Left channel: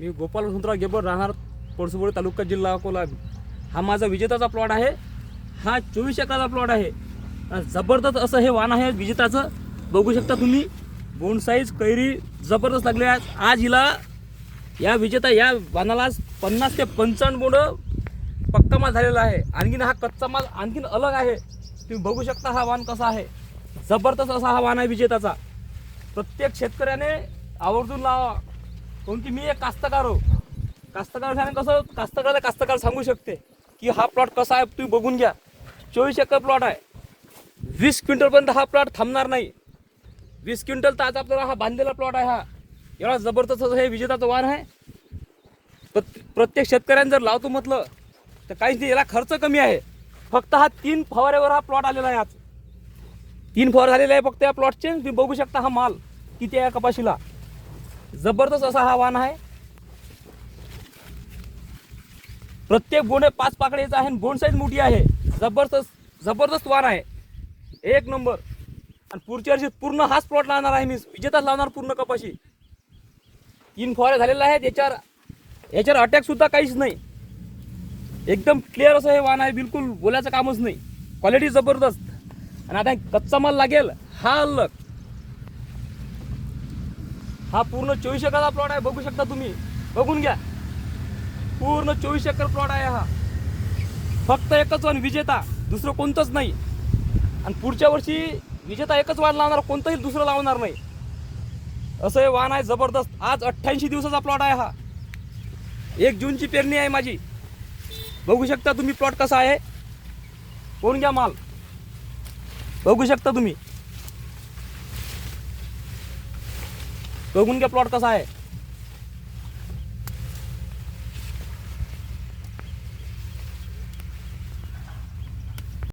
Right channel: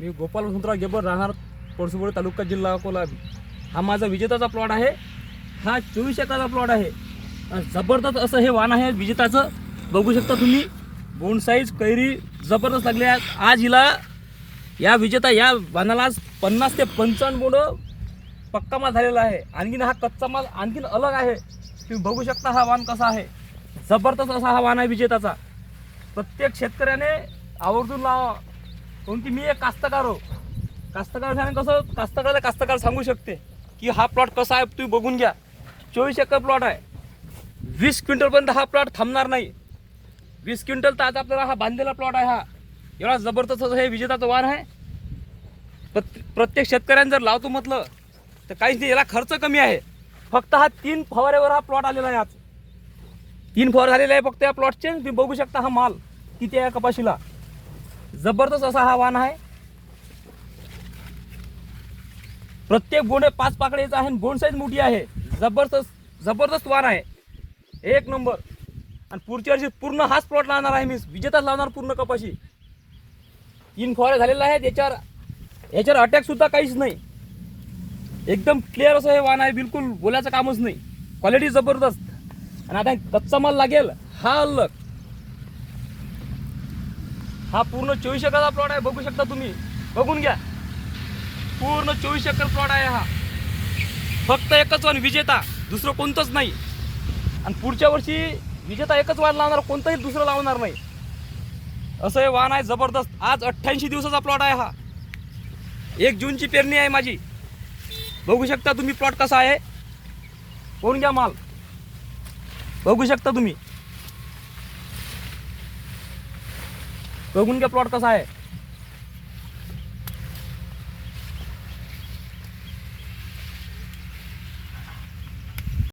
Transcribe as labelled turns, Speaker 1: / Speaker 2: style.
Speaker 1: मी गोपाल वसंतराव गेबर राहणार पळसुबोडी तालुका जिल्हा अकोला. हा माझा विजेताचा प्लॉट आहे. हा चोवीस एकराचा प्लॉट आहे. जबरदस्त असं हे वाण आहे. विजेताचं बघू शकता तुम्ही. बोंड साईज कैरी जबरदस्त लागले आहेत. आज हिला या विजेता या वाणाला पन्नास ते पंचावन्न बोंड पक्का माल झालेला आहे. आणखीन हा कच्चा माल आणखीन अलग आहे. तुम्ही बघू शकता हा वाण कसा आहे. जबरदस्त असा हा वाण आहे विजेताचा. प्रत्येक शेतकऱ्याने आवर्जून लावा काऊन की मी एक कास्तकार हो. कास्तकार सांग कसं कास्तकाराला कास्तकार सांगू शकते की हा प्लॉट कसा आहे तुम्ही बघून घ्या. चोवीस एकर प्लॉट आहे. वीस क्विंटलपर्यंत हा प्लॉट थांबणार नाही. वीस क्विंटल तर आज आपल्याला हा बांधलेला प्लॉट आहे हा. एवढा जबरदस्त हे विजेताचं वार आहे. तर प्रत्येक शेतकऱ्याने जर लावतो म्हटलं तर काहीच नाही याला खर्च कमी आहे. फक्त हा तीन फवाऱ्यावर हा प्लॉट आलेला आहे आज. तीन फवार झालेले आहे फक्त या प्लॉटचे तुम्ही बघू शकता हा माल किती आहे कपाशीला. जबरदस्त असा हा वाण आहे. प्रत्येक बोंड पाच पाकळीचा आहे आणि बोंड साईज मोठी आहे. जबरदस्त जबरदस्त वाण आहे. एक नंबर. आणि पुढच्या वर्षी पूर्ण हाच प्लॉट लावणार आहे मी. विजेताच लावणार पूर्ण कपाशी. तीन फवारे झालेले आहेत. याच्यावर याच्यावर अटॅक सुद्धा काहीच नाही. एकदम क्लिअर असं हे वाण आहे. बिलकुल बोलायचं कामच नाही. क्वालिटी जबरदस्त. आणि आता कच्चा माल लागेल. हा अलग हा पूर्ण चोवीस एकरचा प्लॉट आहे बघू शकता तुम्ही. बघून घ्या. पूर्ण चोवीस एकर प्लॉट आहे हा. फक्त एकच वन विजेता दुसरं कोणतंच नाही. आणि पुढच्या वर्षी विजेता एकच वाण लावणार कोणतंही दुसरं लावणार नाही. असं हे वाण आहे जबरदस्त. आज अठ्ठ्याऐंशी दिवसाचा प्लॉट आहे हा. एक जूनची पेरणी आहे माझी. बघू शकता तुम्ही प्लॉट कसा आहे. कोण घ्या माल? बघू शकता तुम्ही. बघून घ्या प्लॉट कसा आहे.